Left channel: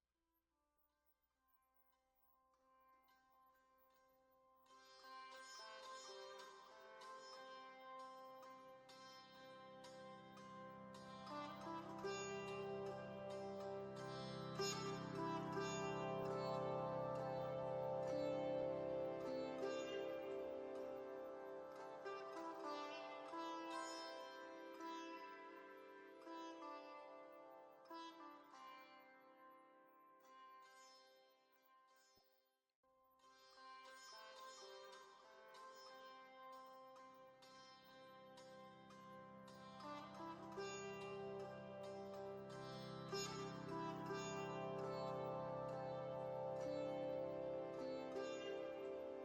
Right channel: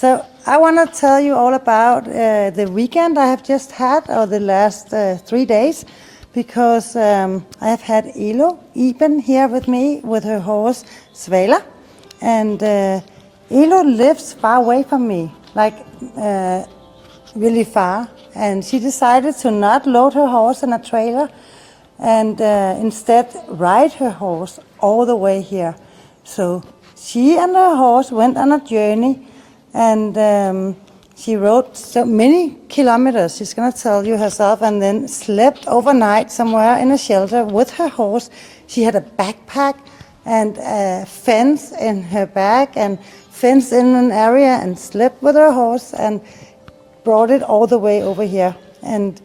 So I want to tell you all about the weekend I have just had, or the last 3 days, because I have had Elo-Iben here with me with her horse Svala, and Elo lives far away from me, like really far, and she decided to not load her horse in a trailer and instead ride her horse all the way here. So she and her horse went on a journey, and she rode so many kilometers, she's going to tell you herself, and then slept overnight somewhere in a shelter with her horse. She had a backpack and a fence in her back and fenced in an area and slept with her horse and brought it all the way over here and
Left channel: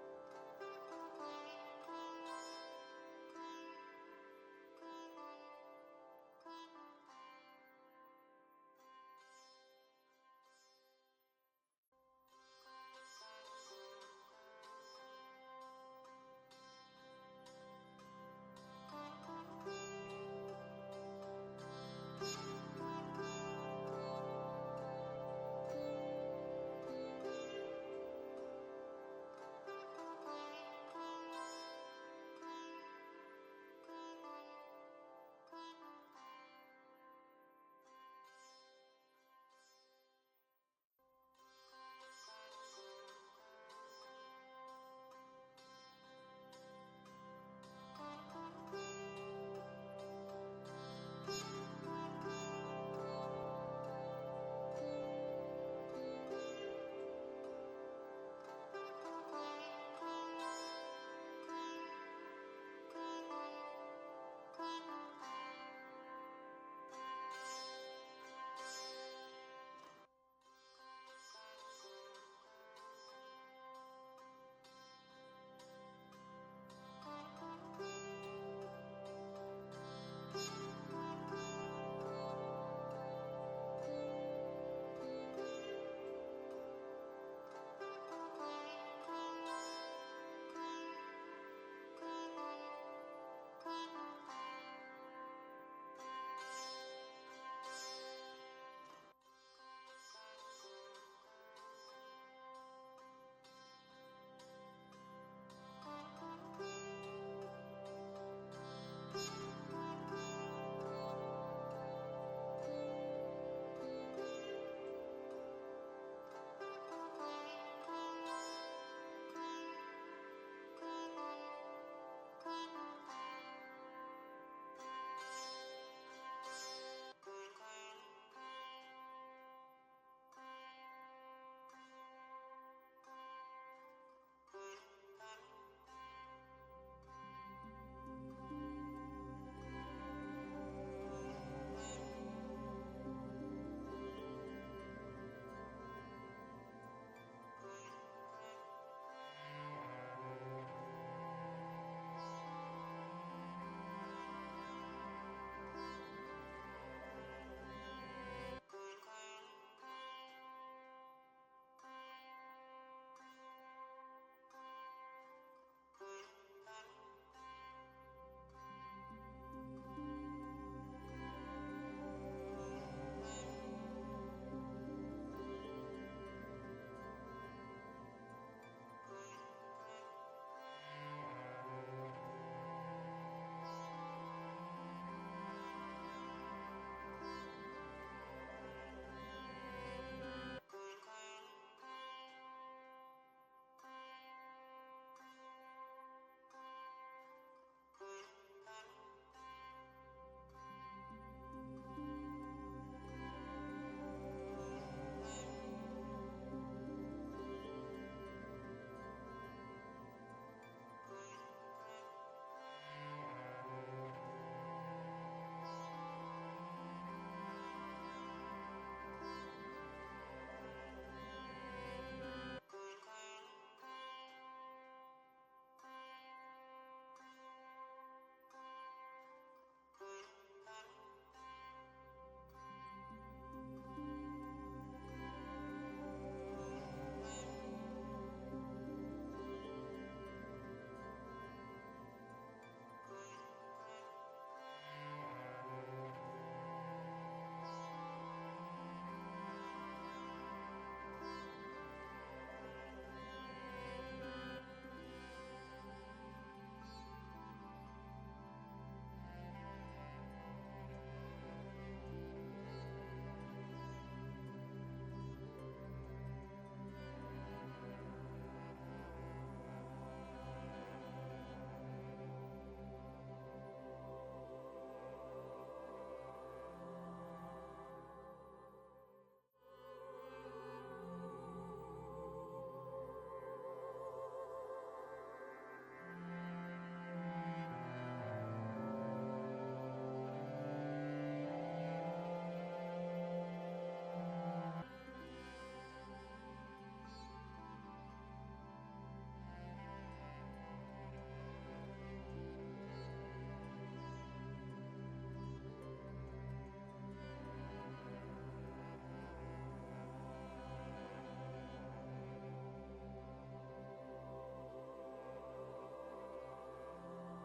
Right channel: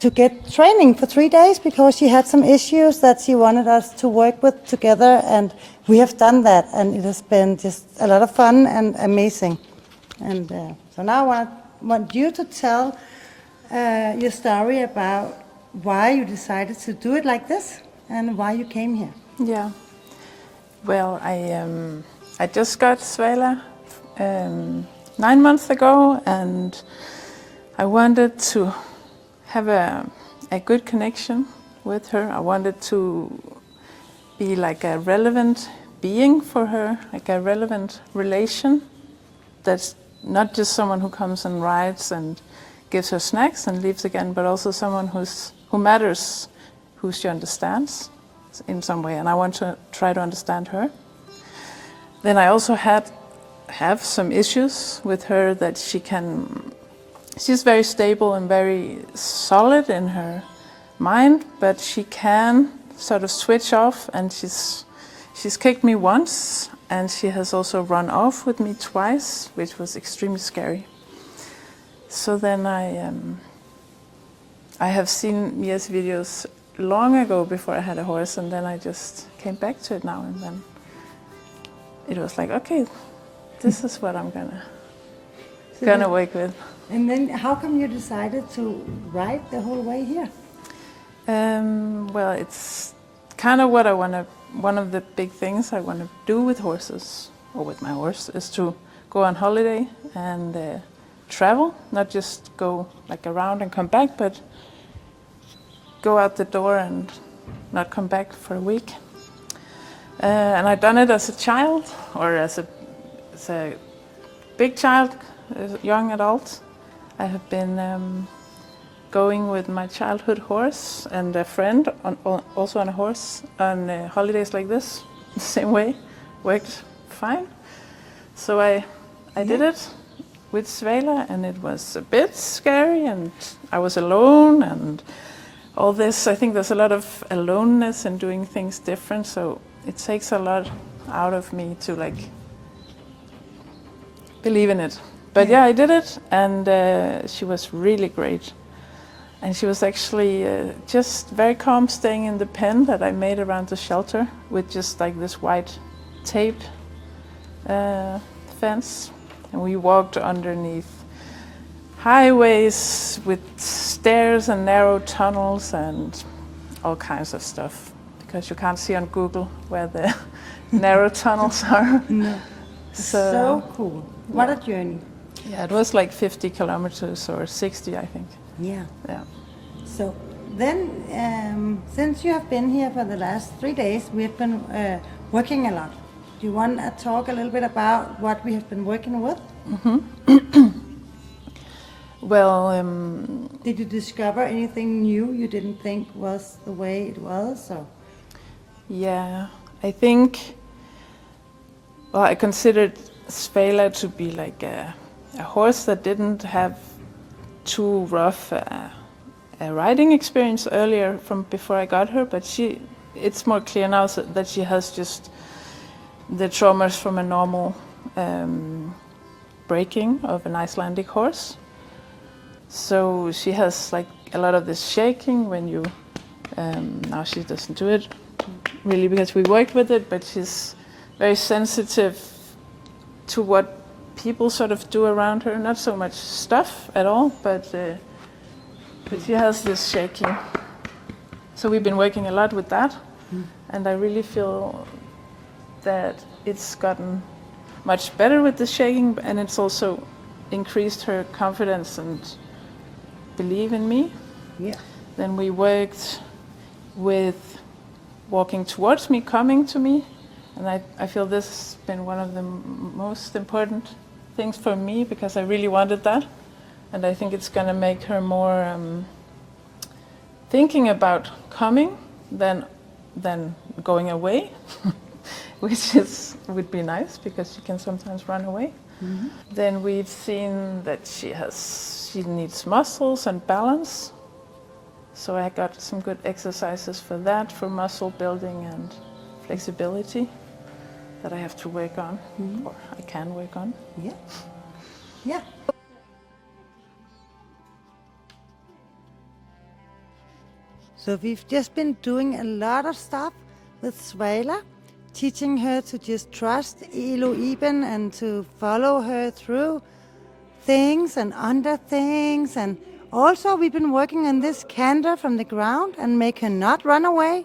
to get training for 3 days, because she had some issues that she wanted us to work with together, and we have done that, and it has been just a lot of fun and amazing. And so now I want you to tell your story about why you decided to do it like this and why you came here. Yeah. Well, I just got Svala 9 months ago, and I wanted to have a good connection with her. I wanted to be like a relevant being for her, like a relevant relation that's not just someone who comes and rides and gives her snacks and leaves again, but also someone who matters, who she understands in some way, and I want to try to understand her. Then I also have some issues with her, that she's very stable and very solid in her mind, but she can sort of switch off, and she's kicked me once, and she has also run off with me twice, which was extremely scary. So then I have seen Mia's videos long ago before I had a horse, and then I just came back to it now, and then it was like, okay, this is what I'm gonna work with. And then how come you decided to ride the whole way here? Well, it's kind of what one of the big things I want to do with horses, or with my horse, is to go on holiday and travel, not just go like around and come back, but go out the door and not come back for a week. And I've done it as a child, or as a big child, as a young adult. I have been going with my childhood horse and a friend, also on a horse, on holidays like this, the same way, worked fine. So I did it with Svala, and it was a bit scary, and I was alone, and all this. I think there's a lot of aloneness in doing things different, so it takes a lot out of me to like believe in it. But yeah, I did it, and she was really great. And she was actually just very calm, staying in the pen that I made around the shelter with just like this white tape fence. And we walked underneath highways with stairs and narrow tunnels and all kinds of stuff, because you can't see on Google where the narrow tunnels are. No. So cool. What a journey. Yeah, it was like 50 kilometers or 60, I think. Yeah. Yeah. So then, since you have been here for the last 3 days, we have been working a lot. Do you want to talk a little bit about what we have been working with? Mm-hmm. Well, did you discover anything new you didn't think was the way it was? Or? Yeah, I think, well, I considered Svala to be like a horse that didn't have too rough a riding experience earlier from before I got her, but it's more clear now that she has just the traumas from a normal breaking of an Icelandic horse. So she has like a lot of this shaking when you, now she doesn't do it really because we worked with it, but she's very sensitive to what people sort of do around her. Not so much stuff at all, but she has this shaking. So we've been working a lot with that, and I really feel that it's gotten much better with the shaking, and it's also increased her confidence and belief in me. Yeah. Then we worked with walking towards me, coming to me, and I feel this has been one of the most important things for me, because I really wanted that, and I think it's going to make her more thinking about coming than going away, which would be nice because she can sometimes run away. Mm-hmm. Then we've seen that she needs muscles and balance. So I got some good exercises for that, for muscle building and flexibility that I have to work on, or I can work on. Yeah. Yeah. So we've just been doing a lot of stuff with Svala, teaching her to just trust Elo-Iben and to follow her through things and under things. And also we've been working on this canter from the ground and make her not run away,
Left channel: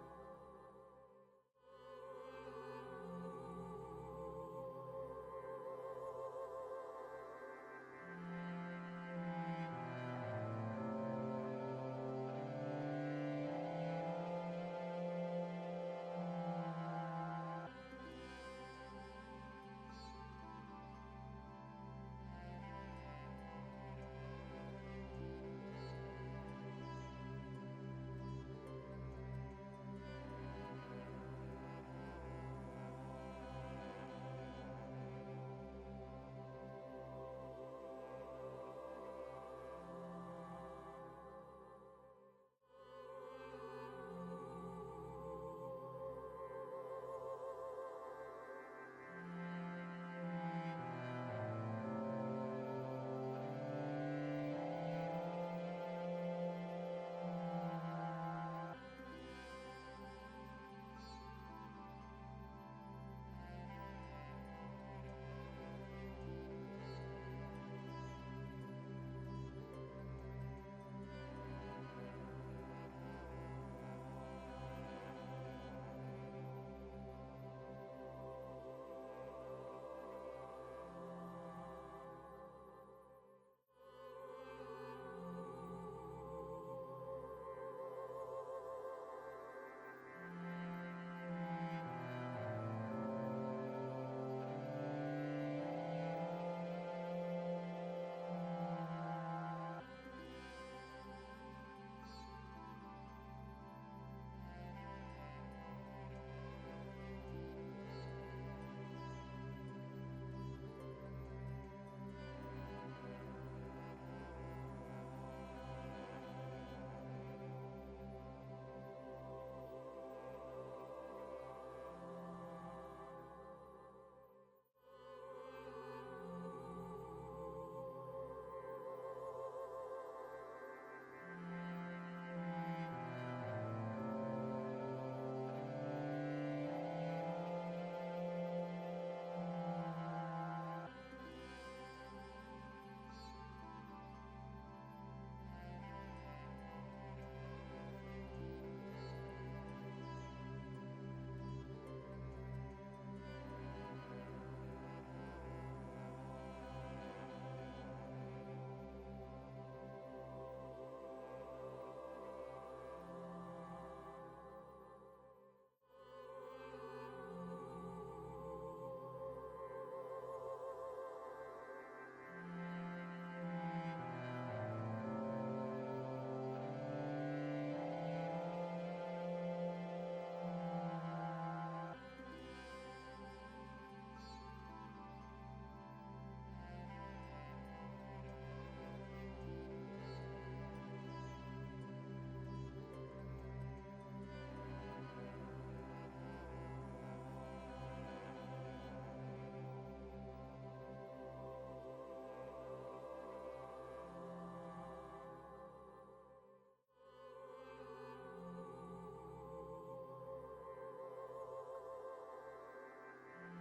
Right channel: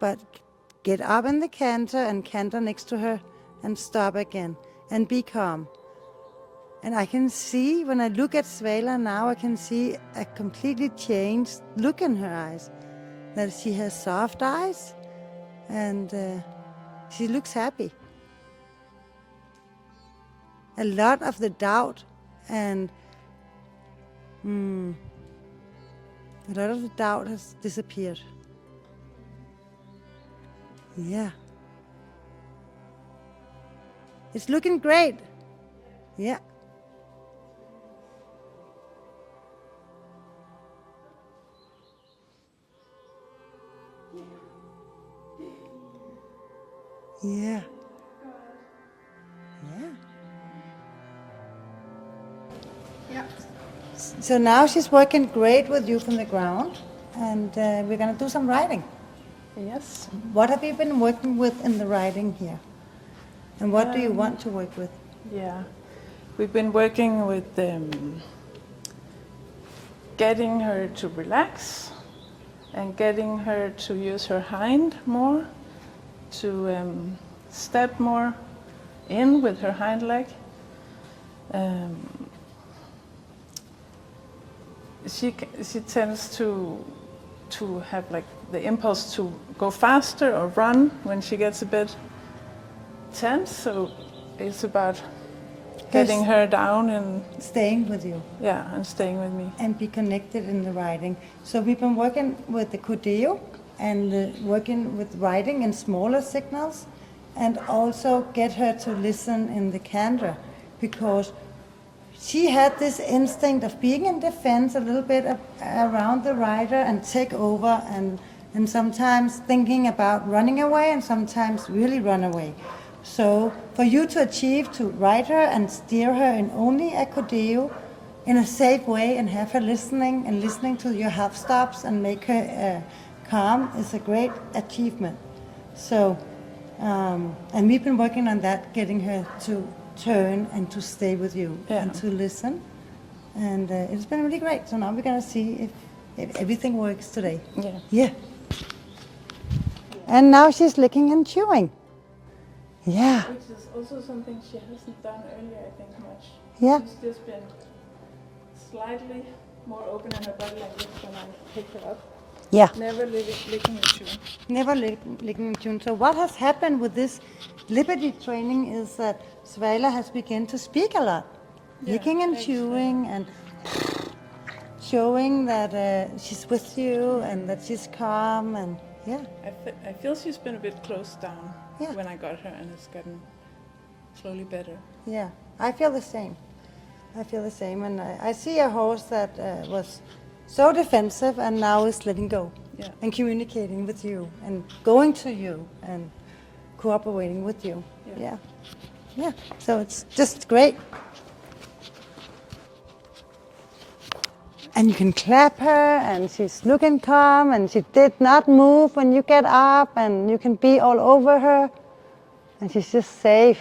but get up in the canter and canter next to her and stop again and be calm. And I can see, when I look at Svala now, I can see a completely changed look in her eyes. That she has soft eyes and she looks happy. A lot of the doubt and has disappeared. Yeah. It's looking great. Yeah. Yeah. Yeah. So now she's working great with you from the ground, and we're going to do some riding. Yes. What have you been working with in the riding here? And what do you want to work with? Yeah, we've been working with getting her to relax and getting her to use her hind more, to step more in with her hind leg. She tends to have like the impulse to go faster or run when she gets a bit tense, so it's about getting her down and staying with you. Yeah, and staying with me. And be connected in the riding. So we've been working with the codeo and working with riding in smaller signals, and also get her to listen in the canter, because she had this instinct of being in defense a little bit around the rider and take over, and sometimes thinking about running away and sometimes really run away. So for you to achieve to ride her and steer her in only a codeo in a safe way and have her listening to your half stops and make her calm is a great achievement. So, and we've been working on that, getting her to turn and to stay with you and to listen. And it's been really great. So now we're going to see if everything works today. Yeah. Yeah. And now she's licking and chewing. Yeah. Which is also something she hasn't done earlier, I think, much. Yeah. She's just been slightly more open in her body like this when I pick her up. Yeah. Never licking and chewing. Never licking and chewing. So what has happened with this liberty training is that Svala has begun to speak a lot. Yeah, licking and chewing and showing that she's with you and that she's calm, and yeah. I feel she's been a bit closed down when I got her, and it's gotten slowly better. Yeah, I feel the same. And I see a horse that was so defensive and now is letting go and communicating with you and going to you and cooperating with you. Yeah. So it's just great. And you can clap her, and she's looking calm, and she did not move when you get up, and you can be all over her, and she's just safe.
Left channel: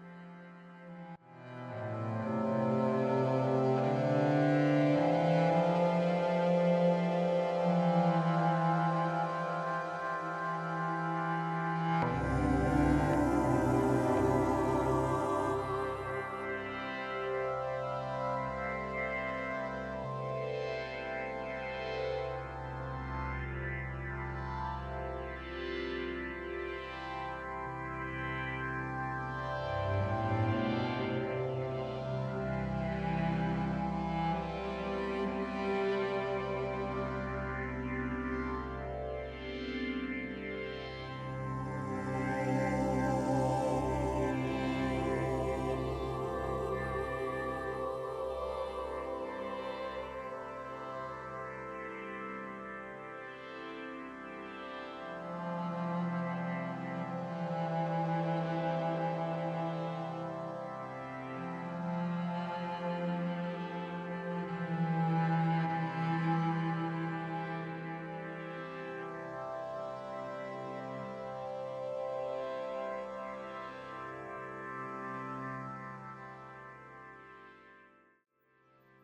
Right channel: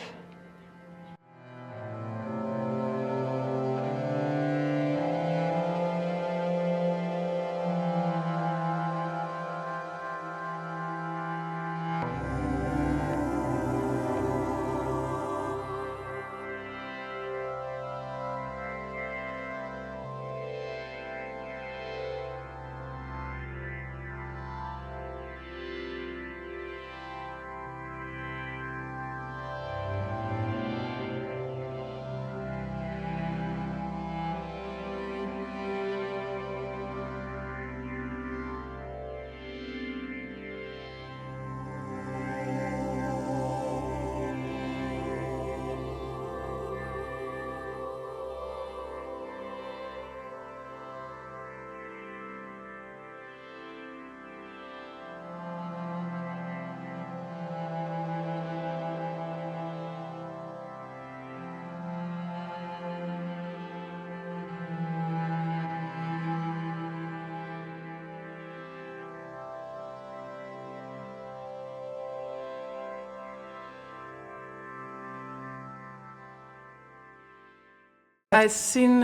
I seen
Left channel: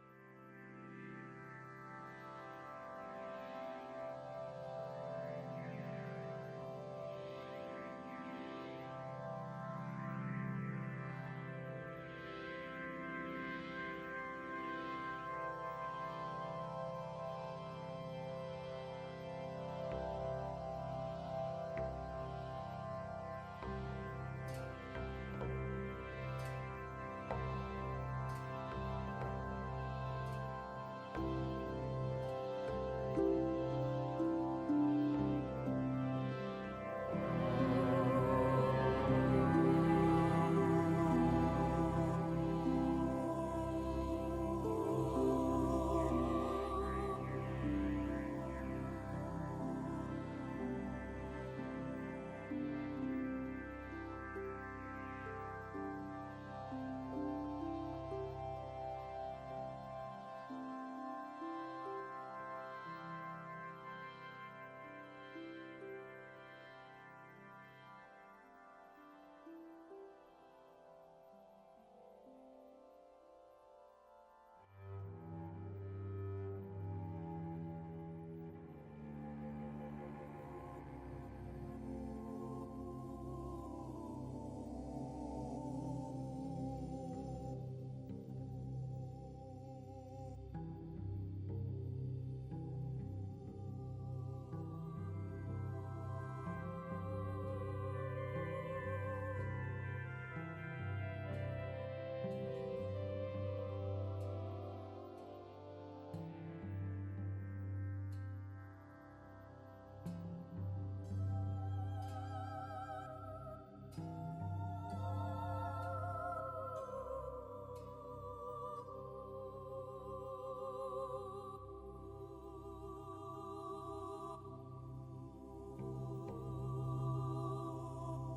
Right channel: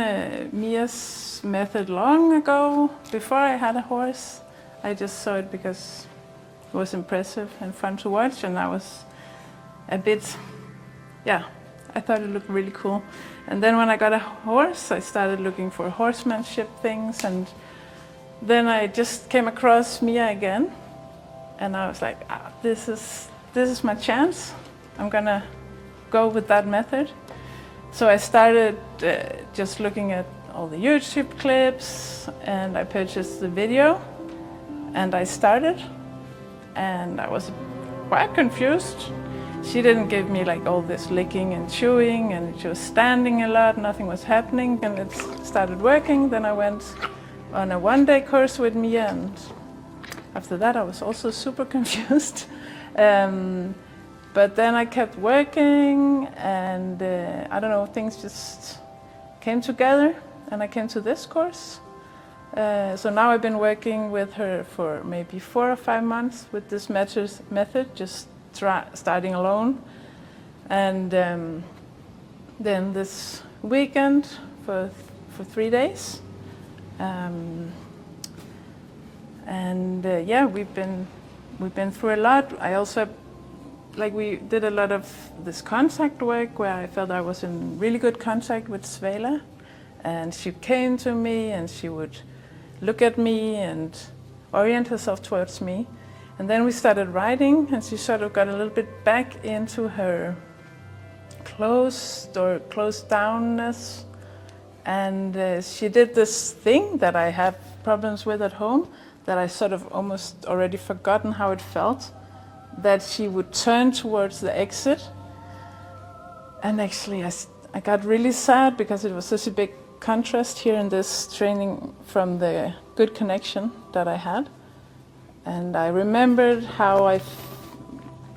Mia's method long ago, before I had a horse. I just saw it because it was impressive and fun to watch, and I was a bit, I thought it looked really cool. And then when I got a horse, I started looking for horsemanship things, and then I just came across Mia again, and I was like, this is my chance. I'm gonna go with that method. So I started just looking at all the YouTube clips, and I purchased the video, and I started, and I was quite confused. She didn't give me like all this licking and chewing, and she was standing a lot, nothing was happening, and it started working. Then I went on a one-day course with Mia, and after that I was also super confused. But then I kept working, and I don't know, things just came together, and I came to this course. So now I've been working with her for maybe 4 or 5 months with this method, just starting alone. And then this weekend for 3 days. Yeah, we've been through a lot. I also, we did a lot of this contact work where I felt I was in really good contact with Svala, and she came to me and she would look at me and orient herself towards me. And then we started writing, and she sort of got a little bit back into her closed downness. And she did this thing that I have problems with at home, that I sort of almost already forgotten how it felt, that she would turn towards the exit. And actually I got really sad because it was such a big contrast here in this training from the good connection that I had. And I remembered how I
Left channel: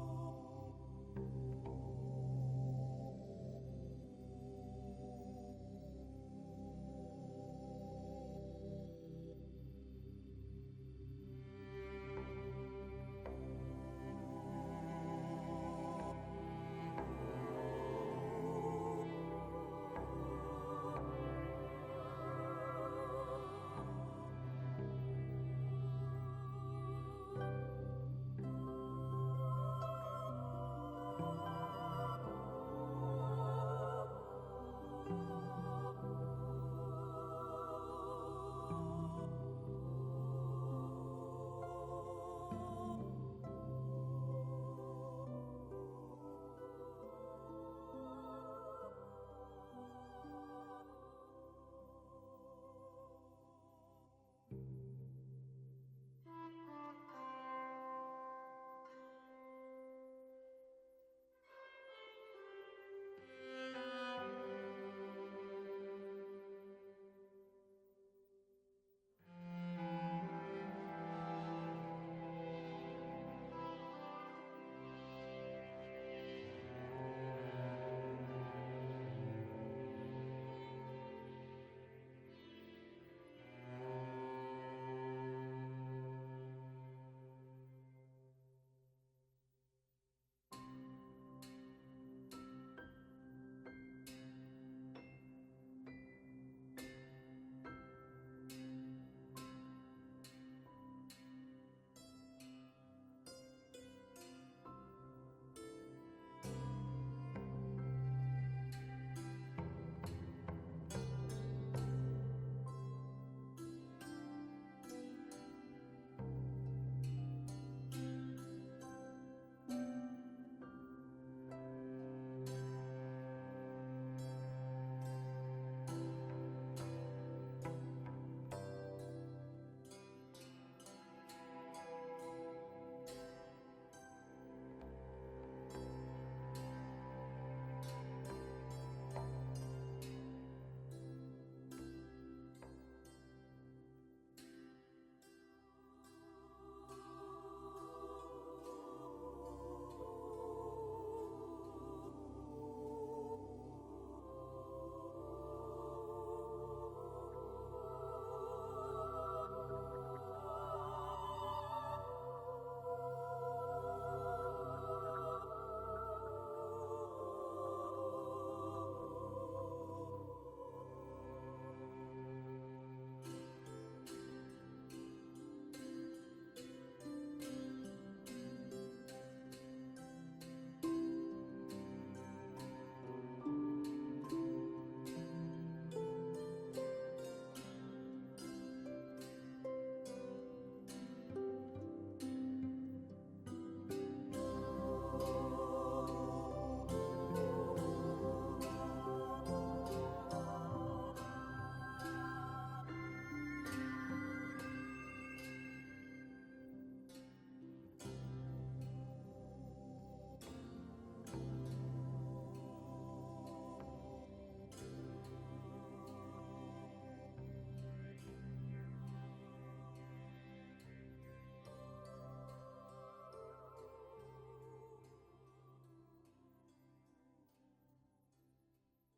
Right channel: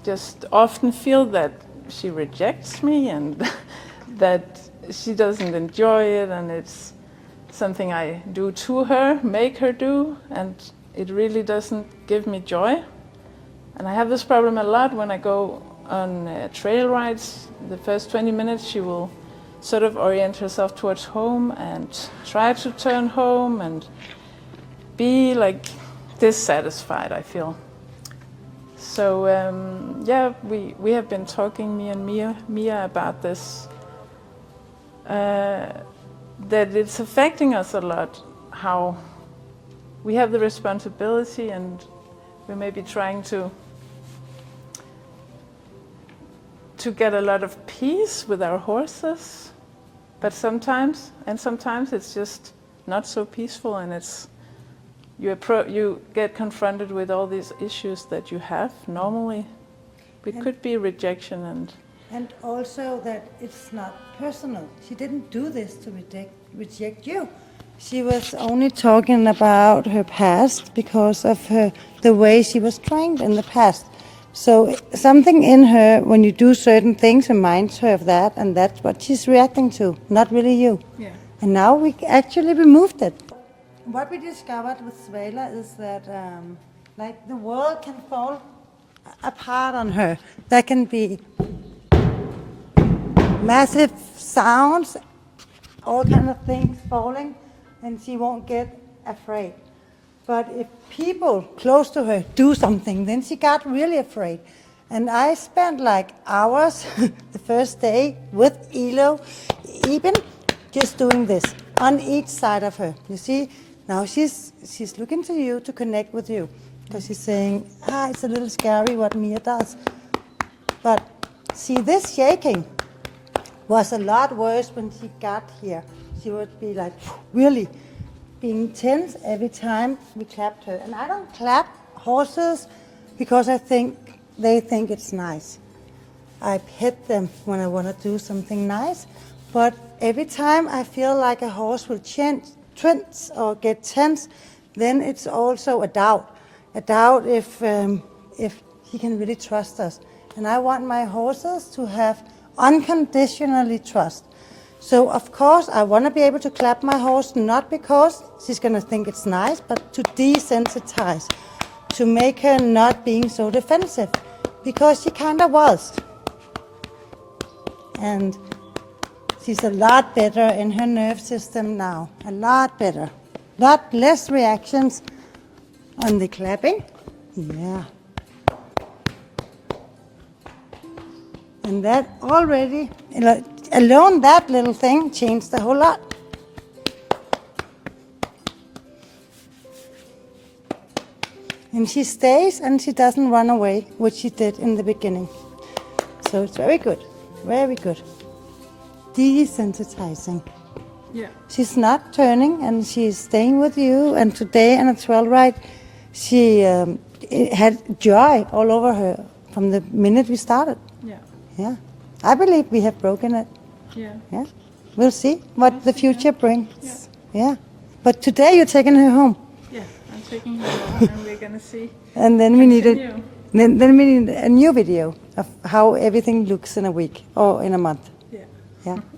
just often feel that she rejects me, and that she doesn't enjoy it, and it's something I do to her, make her do, and it really doesn't give me joy. And I have this problem a lot when I go on trail rides. The first 20 minutes she will sort of orient herself towards home and try to turn home and be like dissatisfied, I feel. So yeah, we have been talking, me and Mia about this, that it's affecting us a lot, how we have the responsibility, and we may be trying to get a lot of peace with our horses, but sometimes it's just not so peaceful, and it's you get confronted with all these issues that you have normally. It could be rejection and also that it's not personal. She didn't do this to reject you. She was only talking about her past because of the way she was trained in the past. So something in her, when you do certain things, reminds her of that, and that's what she's reacting to, not really you. Yeah. And now we actually removed it. What we discovered with Svala is that the world can fall apart on her. There can be massive sounds, all kind of things falling, and she won't get afraid. But if people close to her do something, then she got really afraid. And I spent hours the first day with Elo-Iben just doing this on each side of her. You see, now she's looking to you to connect with you, because she's saying, it's a little scary what Mia does. But see, this shaking was a lot worse when she got here. She would be really being tense every time we clapped her. And I don't clap horses because I think they think it's nice. I pet them when I want to do something nice, but every time I feel like a horse will tense or get tense, then it's also a doubt if he can really trust us. And I want my horses to have unconditionally trust. So of course I want to be able to clap my horse, not because she's going to think it's nice, but to desensitize, to make her not being so defensive, because she kind of was. And She's a lot better in her nerve system now. A lot better. Lot less reactions on the clapping. Yeah. And that already, alone that little thing changed a whole lot. And she stays and she doesn't run away, which she did in the beginning. So it's very good, very good. Desensitizing. Yeah. She's not turning and she's staying with you. And today on a 12 ride, she had joy all over her from the minute we started. Yeah. Yeah. I believe we have broken it. Yeah. Yeah. We'll see what the future brings. Yeah. But today you're taking her home. Yeah. I'm taking her home and we're gonna see. And then we need Continue. then we need a new video of how everything looks in a week or in a month. Yeah. Yeah.